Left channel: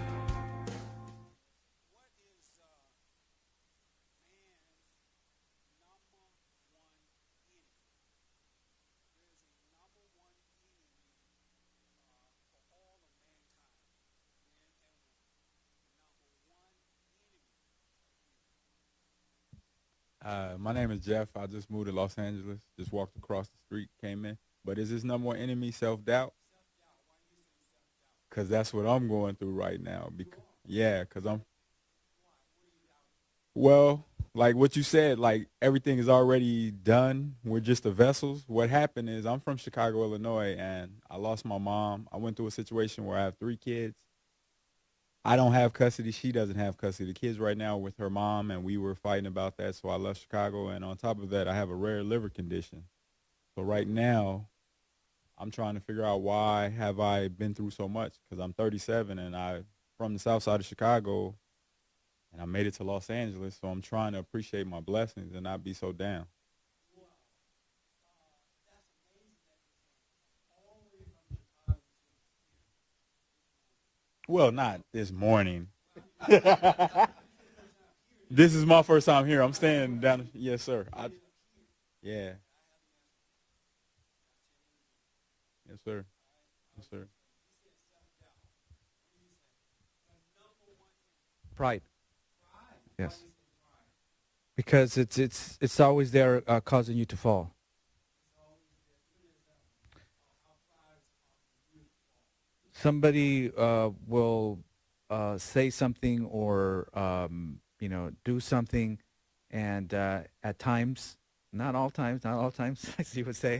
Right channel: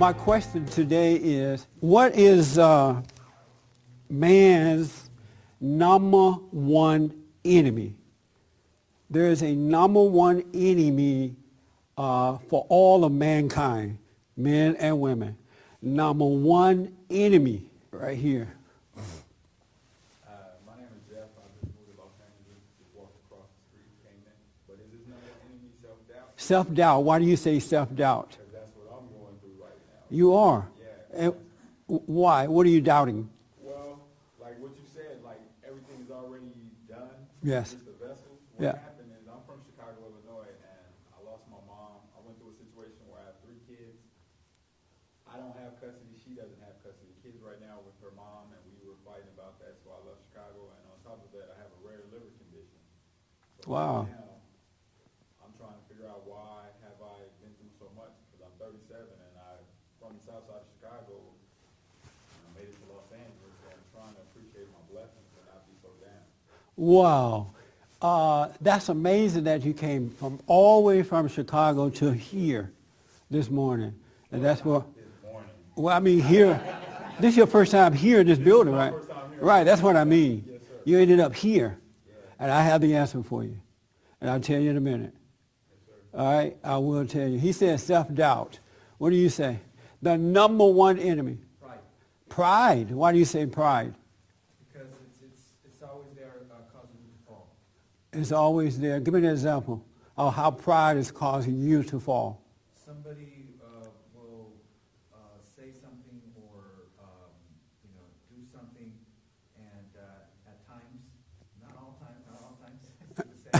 My question today is, what is man's number one enemy? There is a number one enemy for all of mankind, men and women. Number one enemy right here. My name is Jeff. I just moved to Los Angeles. Just walked across the street, came in. But is this number one enemy self-doubt? Self-doubt. Why do you say self-doubt? Because that's what I'm going through right now. You are? Yeah. Why? What are you doubting? Well, like what you said, like everything is already done. Yeah. We're just the vessels. What Yeah. happened is I'm from Chicago, Illinois, and I lost my mom. I went through a situation where I have 3 kids. I don't have custody. She doesn't have custody. The kids right now are with her mom, and we were fighting about that, so I left Chicago. And on top of that, I have a rare liver condition. So right now, I'm trying to figure out why have I been through so much, because I'm 37, and I'm from the south side of Chicago, and I made it to Los Angeles, so I'm trying to appreciate my blessings and not be so down. Wow. That's amazing that you came from all the way from Chicago to here this morning. Well, not this morning. Well, I mean, here, this is your first time here in this building, This is my right? first time here. Right, that's what I mean. Yes, sir. You ended up here. Yeah. And I have the answer for you. And I'll tell you in a minute. Yes, sir. All right, I will tell you. He said self-doubt. What do you say? The number one enemy. Pride. Pride. Why do you say pride? Because it's always there causing you to fall. It's always there. Give me an example of how pride is causing you to fall. Somebody will say something or do something, and at times, not all times, as you would say,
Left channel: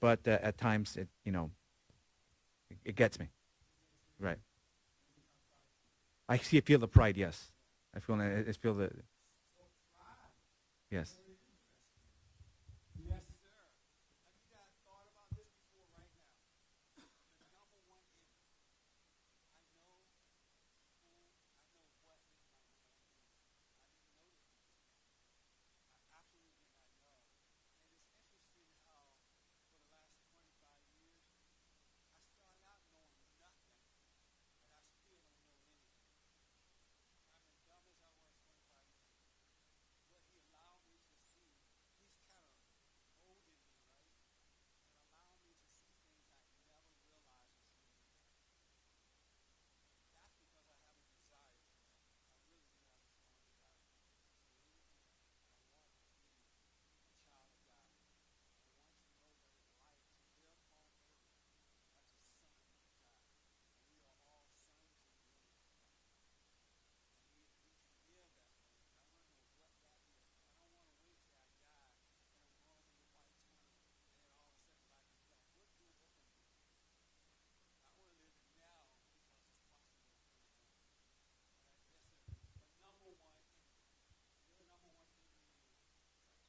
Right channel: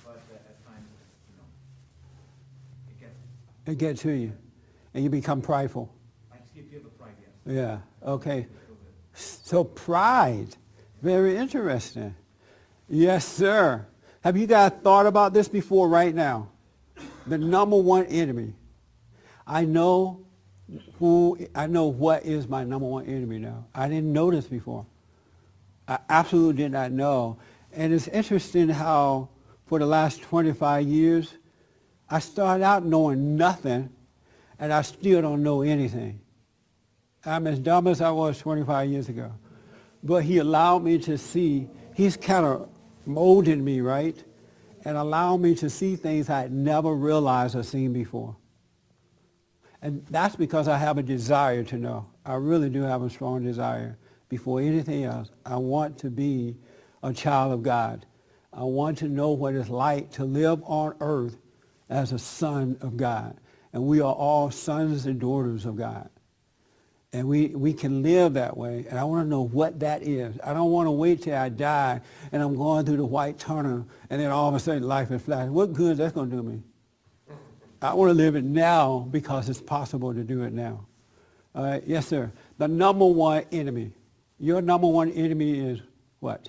but at times it gets me. It gets to you. Right. And you become prideful. I feel the pride, yes. Yeah. Okay. I feel that. So pride. Yes. Very interesting. Yes, sir. Have you guys thought about this before right now? The number one enemy. I know what is my number one enemy now. I didn't know this before. I absolutely did not know. And it's interesting how for the last 25 years, I started out knowing nothing, and I still don't know anything. I'm as dumb as I was 25 years ago. But he allowed me to see, he's kind of molded me, right? And allowed me to see things I had never realized or seen before. And that's because I have a desire to know. I really do have a strong desire. Before anything else, I want to be a child of God. I want to know what it's like to live on earth as a son of God. And we are all sons and daughters of God. And we can live that way. And I want to know what that is. I don't want to wait till I die and I'm going through the white tunnel and then all of a sudden life is flashing. What good is that going to do me? I want to live it now because it's possible to do it now. All right. Yes, sir. The number one enemy. Your number one enemy is what?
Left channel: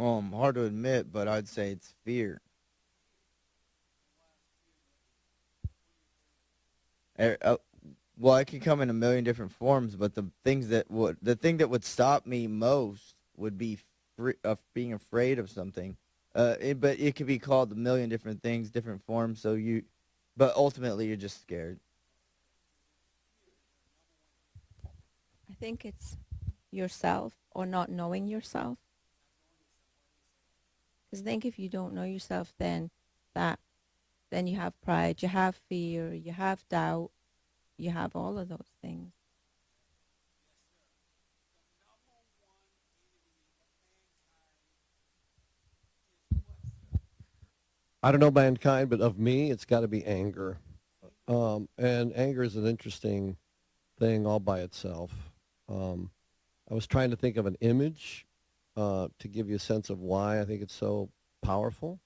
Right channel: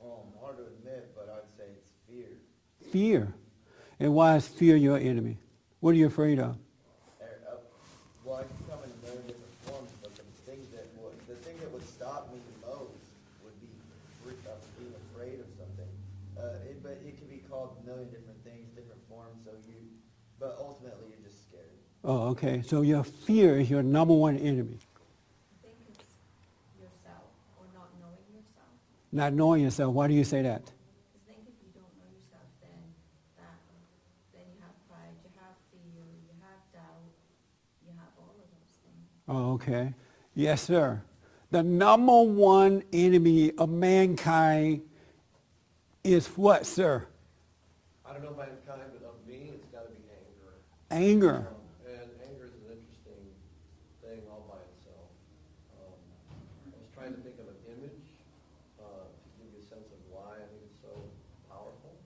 Hard to admit, but I'd say it's fear. Fear. And why is fear your enemy? What are you afraid of? Well, it can come in a million different forms, but the thing that would stop me most would be being afraid of something. But it could be called a million different things, different forms. But ultimately, you're just scared. Oh, okay. So your fear is your number one enemy. I think it's yourself or not knowing yourself. Not knowing yourself. Why do you say that? Because I think if you don't know yourself, then you have pride, you have fear, you have doubt, you have all of those things. Oh, okay. Yes, sir. The number one enemy of mankind is what, sir? I don't know mankind, but of me, it's got to be anger. Anger. And anger is an interesting thing all by itself. I was trying to think of an image to give you a sense of why I think it's so powerful,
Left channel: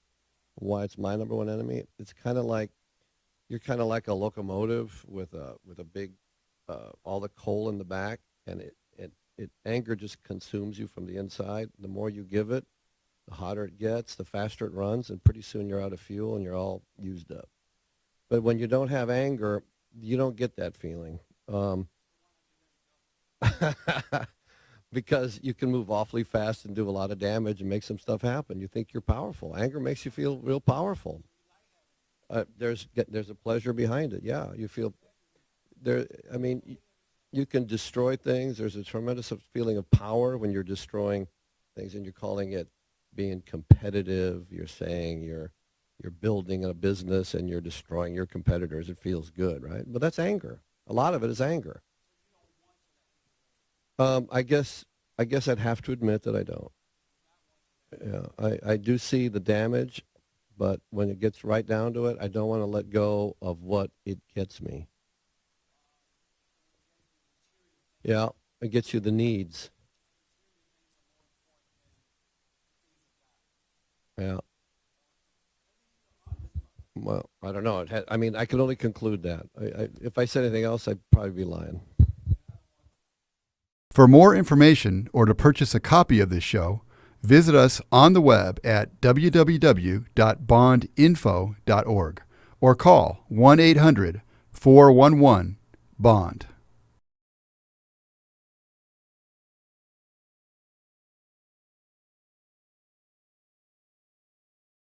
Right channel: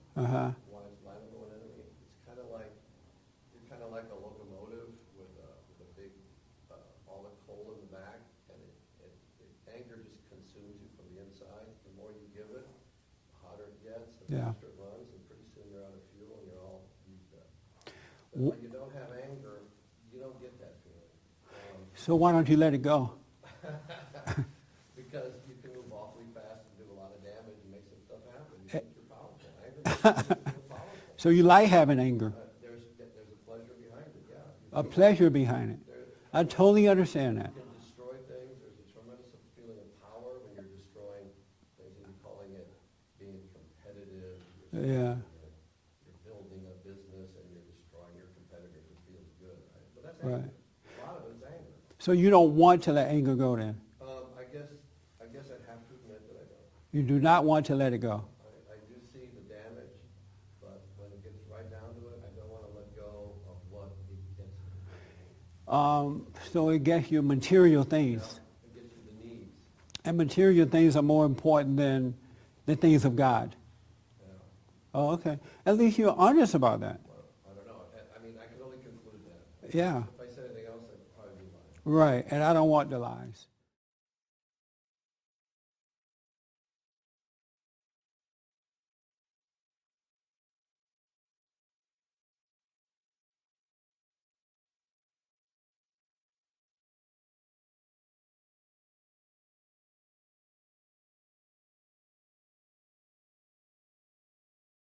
why it's my number one enemy. It's kind of like, you're kind of like a locomotive with a big, all the coal in the back, and anger just consumes you from the inside. The more you give it, the hotter it gets, the faster it runs, and pretty soon you're out of fuel and you're all used up. But when you don't have anger, you don't get that feeling. So why don't you let it go? because you can move awfully fast and do a lot of damage and make some stuff happen. You think you're powerful. Anger makes you feel real powerful. So you like having anger. There's a pleasure behind it. Yeah, you A feel pleasure behind it. there. I mean, totally understand you that. can destroy things. There's a tremendous feeling of power when you're destroying things, and you're calling it being competitive. You're saying you're building a business and you're destroying your competitors. It feels good, right? But that's anger. A lot of it is anger. So you don't want to let anger go then? I guess I'd have to admit that I don't. You do not want to let it go? I do see the damage, but when it gets right down to it, I don't want to let go of what it gets me. So it gets you material things. Yeah, it gets you the needs. And material things are more important than the things of God. Yeah. Oh, okay. At least you're honest about that. Well, I don't know. I mean, I can only conclude that. Yeah. If I said anything else, I'd probably be lying. Right, and I don't want the lies. For more information or to purchase a copy of this show, visit us on the web at www.bondinfo.org or call 1-800-411-BOND.